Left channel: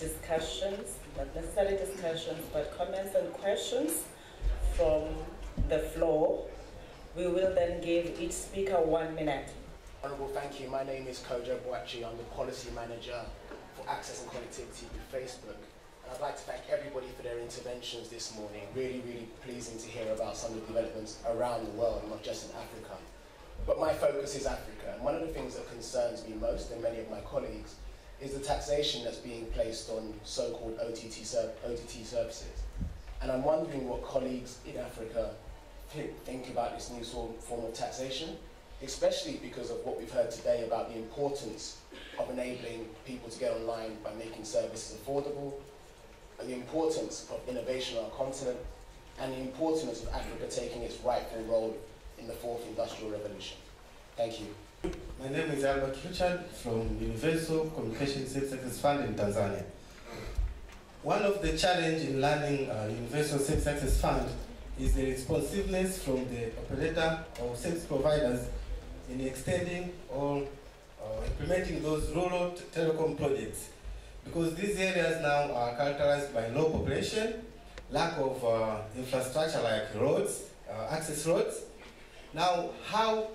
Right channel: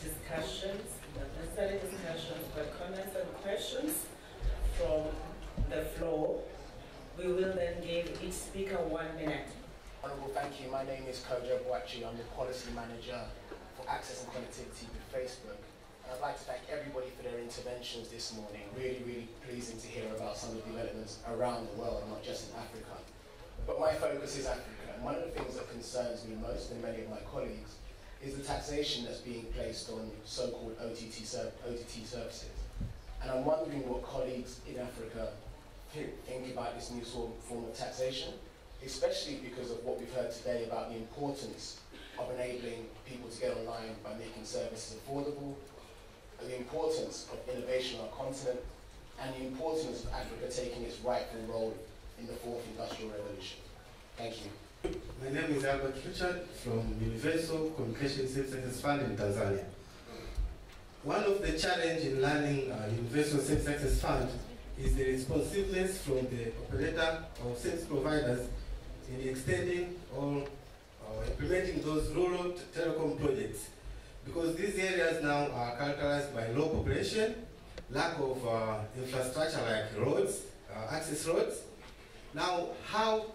discussions, not necessarily discussions, but comments and questions from the floor. We will then give each speaker 1 minute. Honourable, thank you. My name is Kojo Boachi. I'm the Policy Manager for Access and Connectivity with Facebook. And I'd like to thank everybody for their interventions this morning. Really, really pleasing to hear about some of the developments around the world, not just in Africa. But my focus is Africa. And one of the things that concerns me most, and many of my colleagues, is the taxation that's being placed on so-called OTT services. And I'm wondering what colleagues in Africa think about this new form of taxation, especially because of what we've heard today about the importance of enabling people to get online by making services affordable, and the importance of innovation on our continent, and the importance of Africa taking its rightful role in the fourth industrial revolution. Thank you. My name is Albert Richard from Universal Communication Safe Success Fund in Tanzania. One of the challenges in running Universal Safe Success Fund is the responsiveness from the operator or service providers in extending or implementing those rural telecom projects, because these areas now are characterized by low population, lack of infrastructure like roads, access roads. Now, how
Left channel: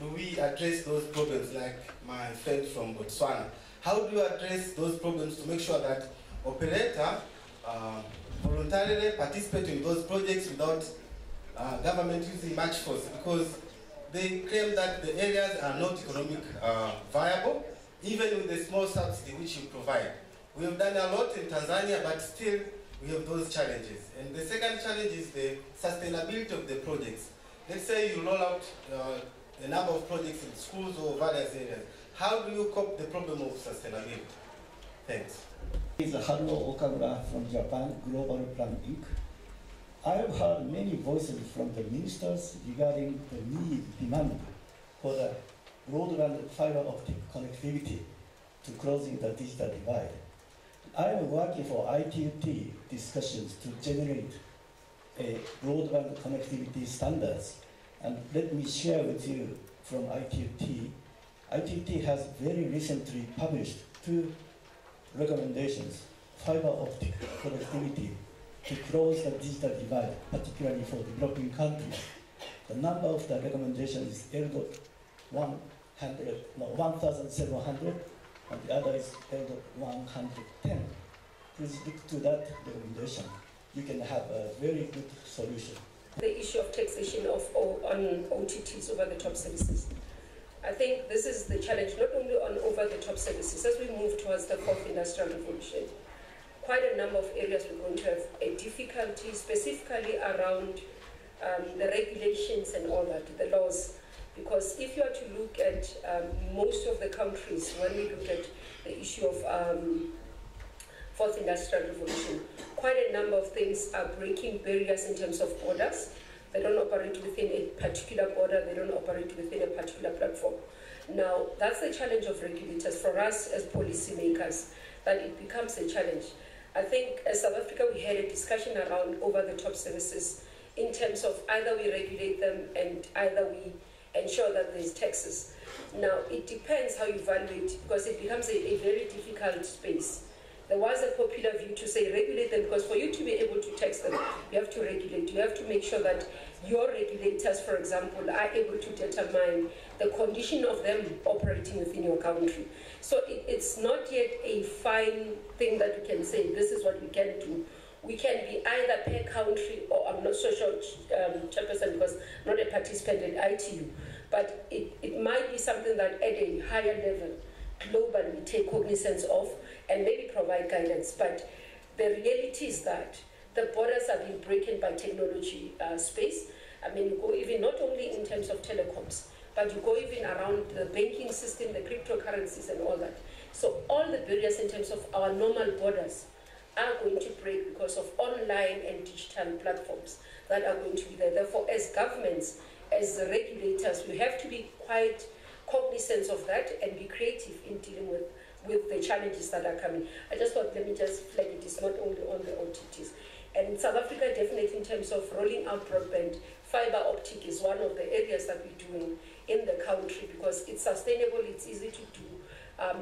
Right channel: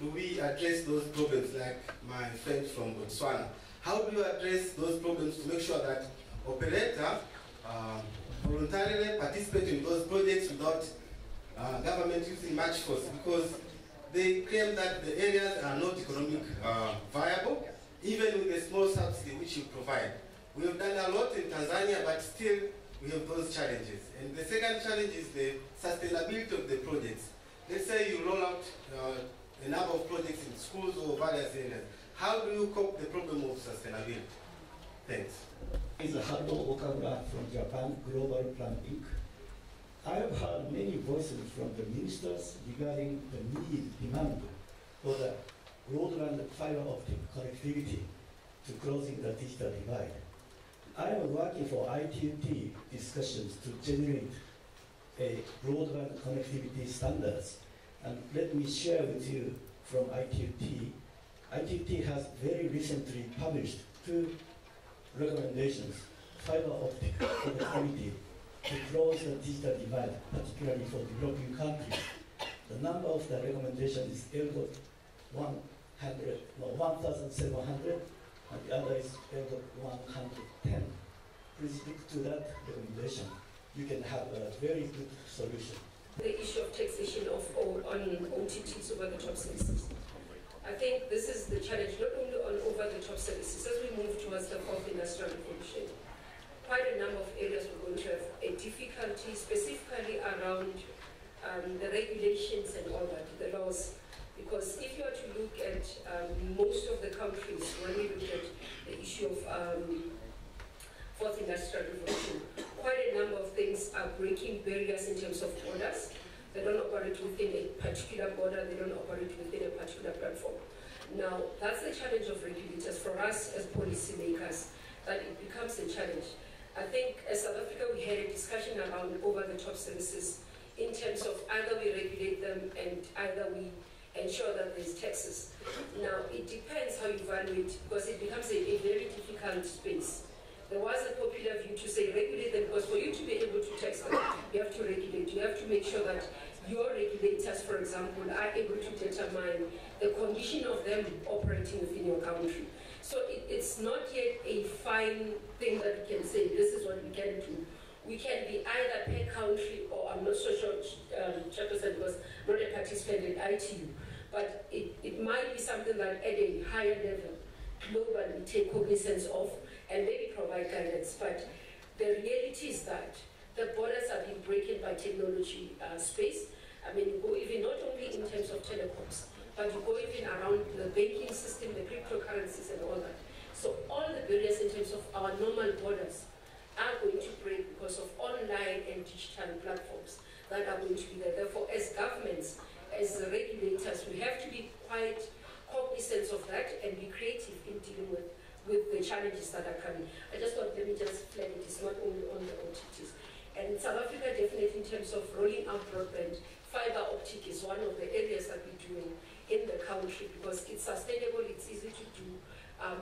do we address those problems, like my friend from Botswana? How do you address those problems to make sure that operator voluntarily participate in those projects without government using much force? Because they claim that the areas are not economic viable, even with the small subsidy which you provide. We have done a lot in Tanzania, but still we have those challenges. And the second challenge is the sustainability of the projects. Let's say you roll out a number of projects in schools or various areas. How do you cope the problem of sustainability? Thanks. This is Haruo Okamura from Japan, Global Plan Inc. I have heard many voices from the ministers regarding the demand for the broadband fiber optic connectivity to closing the digital divide. I am working for ITT discussions to generate a broadband connectivity standards. And let me share with you from ITT. ITT has very recently published 2 recommendations: fiber optic connectivity to close the digital divide, particularly for developing countries. The number of the recommendation is L.1700, and the other is L.110. Please look to that recommendation. You can have a very good solution. The issue of taxation on OTTs, over-the-top services. I think this is the challenge, not only on over-the-top services. As we move towards the fourth industrial revolution, quite a number of areas we're going to have a difficulty, specifically around the regulations and all that, the laws. Because if you are to look at most of the countries, when we look at the issue of fourth industrial revolution, quite a number of things are breaking barriers in terms of borders. They don't operate within a particular border, they don't operate within a particular platform. Now, that's the challenge of regulators for us as policymakers, that it becomes a challenge. I think as South Africa, we had a discussion around over-the-top services in terms of either we regulate them and either we ensure that there's taxes. Now, it depends how you evaluate, because it becomes a very difficult space. There was a popular view to say regulate them, because for you to be able to tax them, you have to regulate. You have to make sure that your regulators, for example, are able to determine the condition of them operating within your country. So it's not yet a fine thing that we can say, this is what we can do. We can be either per country, or I'm not so sure, Chairperson, because I'm not a participant in ITU, but it might be something that at a higher level, globally, we take cognizance of and maybe provide guidance. But the reality is that the borders are being broken by technology space. I mean, you go even not only in terms of telecoms, but you go even around the banking system, the cryptocurrencies and all that. So all the barriers in terms of our normal borders are going to break because of online and digital platforms that are going to be there. Therefore, as governments, as regulators, we have to be quite cognizant of that and be creative in dealing with the challenges that are coming. I just thought, let me just flag it, it's not only on the OTTs. And in South Africa, definitely in terms of rolling out broadband, fiber optic is one of the areas that we're doing in the country, because it's sustainable, it's easy to do,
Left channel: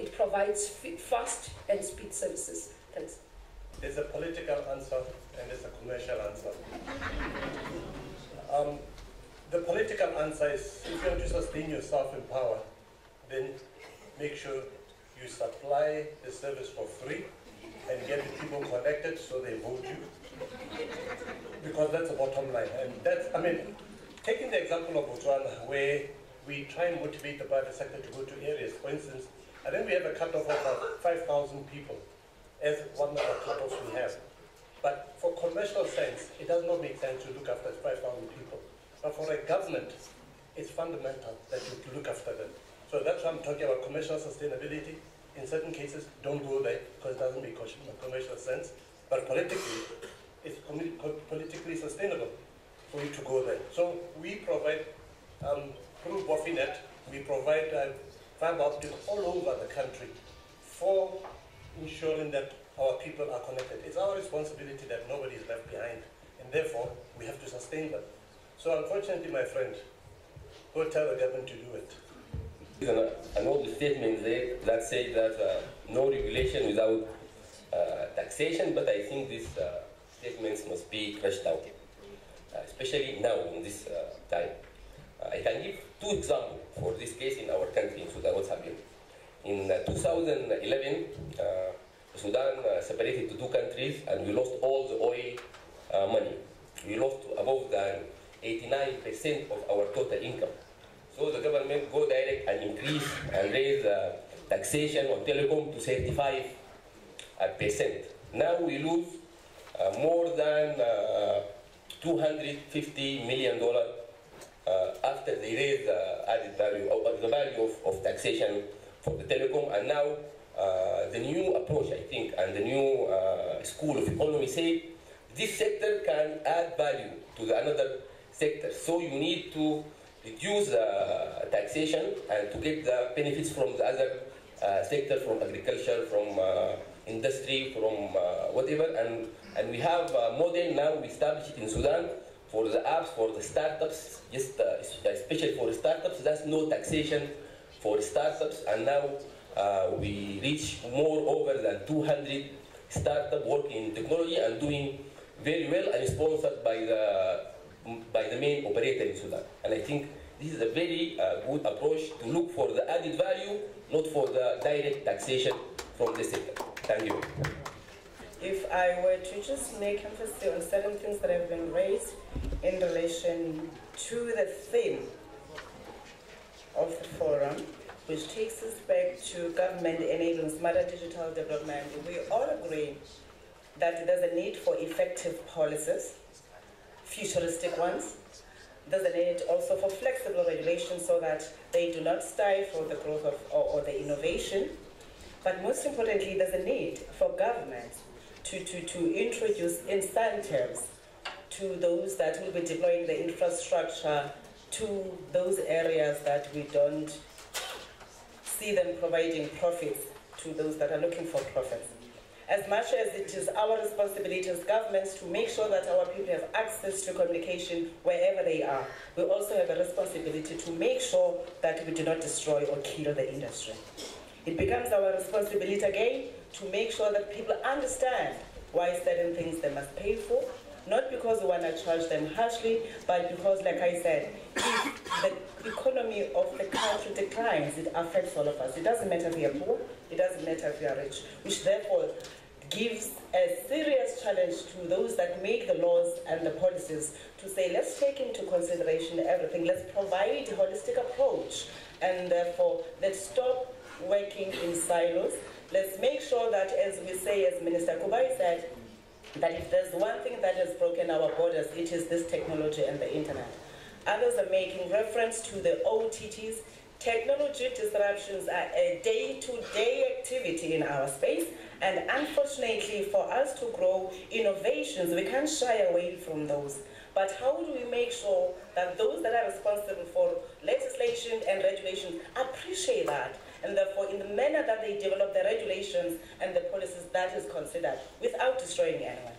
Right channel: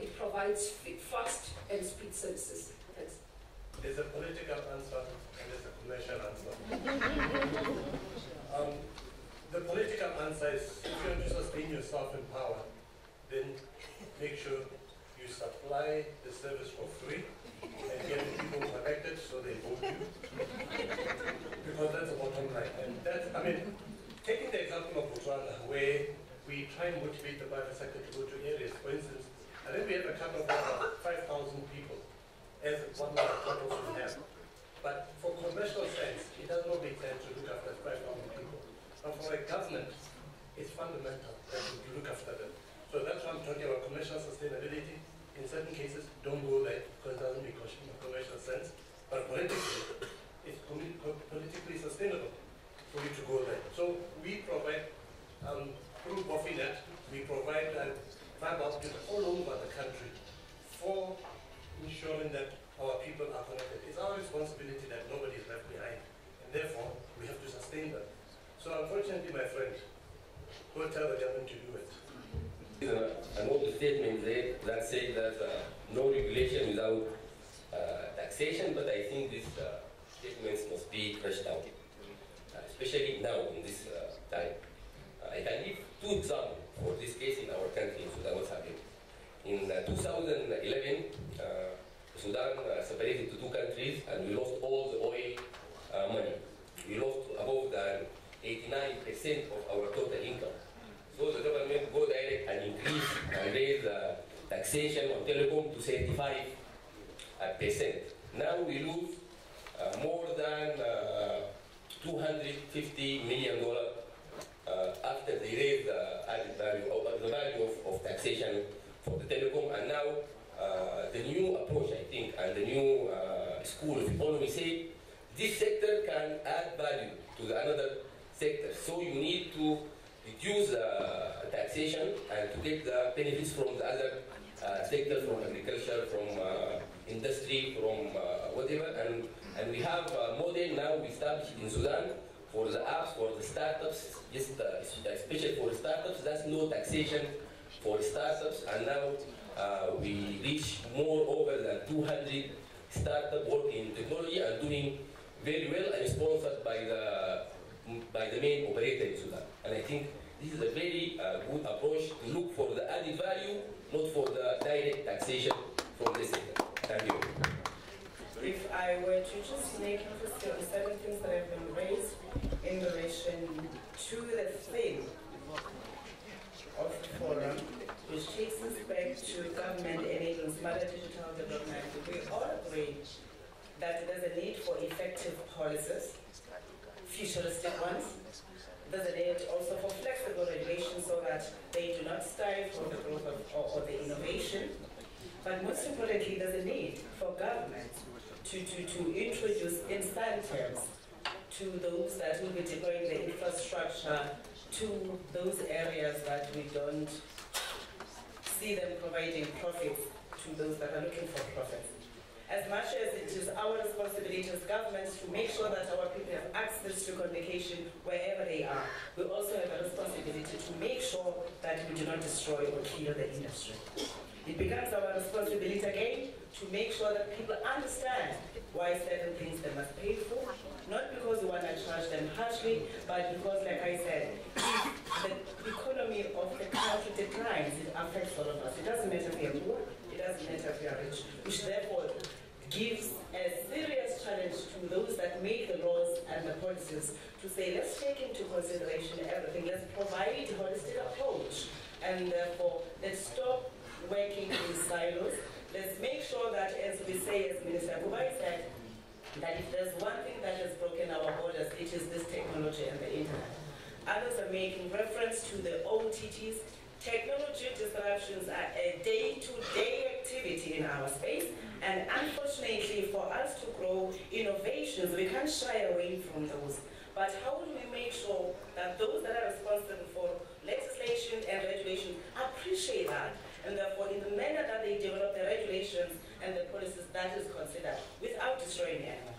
it provides fast and speed services. Thank you. There's a political answer and there's a commercial answer. The political answer is, if you want to sustain yourself in power, then make sure you supply the service for free and get the people connected so they vote you. Because that's the bottom line. And that's, I mean, taking the example of Botswana, where we try and motivate the private sector to go to areas. For instance, I think we have a cut-off of 5,000 people as one of the cut-offs we have. But for commercial sense, it does not make sense to look after 5,000 people. But for a government, it's fundamental that you look after them. So that's why I'm talking about commercial sustainability. In certain cases, don't go there because it doesn't make commercial sense. But politically, it's politically sustainable for you to go there. So we provide, through Bofinet, we provide fiber optic all over the country for ensuring that our people are connected. It's our responsibility that nobody is left behind, and therefore we have to sustain them. So unfortunately, my friend, go tell the government to do it. An old statement there that said that no regulation without taxation, but I think these statements must be crushed out, especially now in this time. I can give two examples for this case in our country, in Sudan, what's happening. In 2011, Sudan separated to two countries and we lost all the oil money. We lost above than 89% of our total income. So the government go direct and increase and raise taxation on telecom to 75%. Now we lose more than $250 million after they raise the added value, the value of taxation for the telecom. And now the new approach, I think, and the new school of economy say this sector can add value to the another sector. So you need to reduce taxation and to get the benefits from the other sector, from agriculture, from industry, from whatever. And we have a model now we established in Sudan for the apps, for the startups, just especially for the startups. That's no taxation for startups. And now we reach more over than 200 startups working in technology and doing very well and sponsored by the main operator in Sudan. And I think this is a very good approach to look for the added value, not for the direct taxation from the sector. Thank you. If I were to just make emphasis on certain things that have been raised in relation to the theme of the forum, which takes us back to government enabling smarter digital development, we all agree that there's a need for effective policies, futuristic ones. There's a need also for flexible regulations so that they do not stifle the growth of or the innovation. But most importantly, there's a need for governments to introduce incentives to those that will be deploying the infrastructure to those areas that we don't see them providing profits to those that are looking for profits. As much as it is our responsibility as governments to make sure that our people have access to communication wherever they are, we also have a responsibility to make sure that we do not destroy or kill the industry. It becomes our responsibility again to make sure that people understand why certain things they must pay for, not because we want to charge them harshly, but because, like I said, if the economy of the country declines, it affects all of us. It doesn't matter if we are poor, it doesn't matter if we are rich, which therefore gives a serious challenge to those that make the laws and the policies to say, let's take into consideration everything, let's provide a holistic approach, and therefore let's stop working in silos. Let's make sure that, as we say, as Minister Kubai said, that if there's one thing that has broken our borders, it is this technology and the internet. Others are making reference to the OTTs. Technology disruptions are a day-to-day activity in our space, and unfortunately for us to grow innovations, we can't shy away from those. But how do we make sure that those that are responsible for legislation and regulation appreciate that, and therefore in the manner that they develop the regulations and the policies, that is considered without destroying anyone?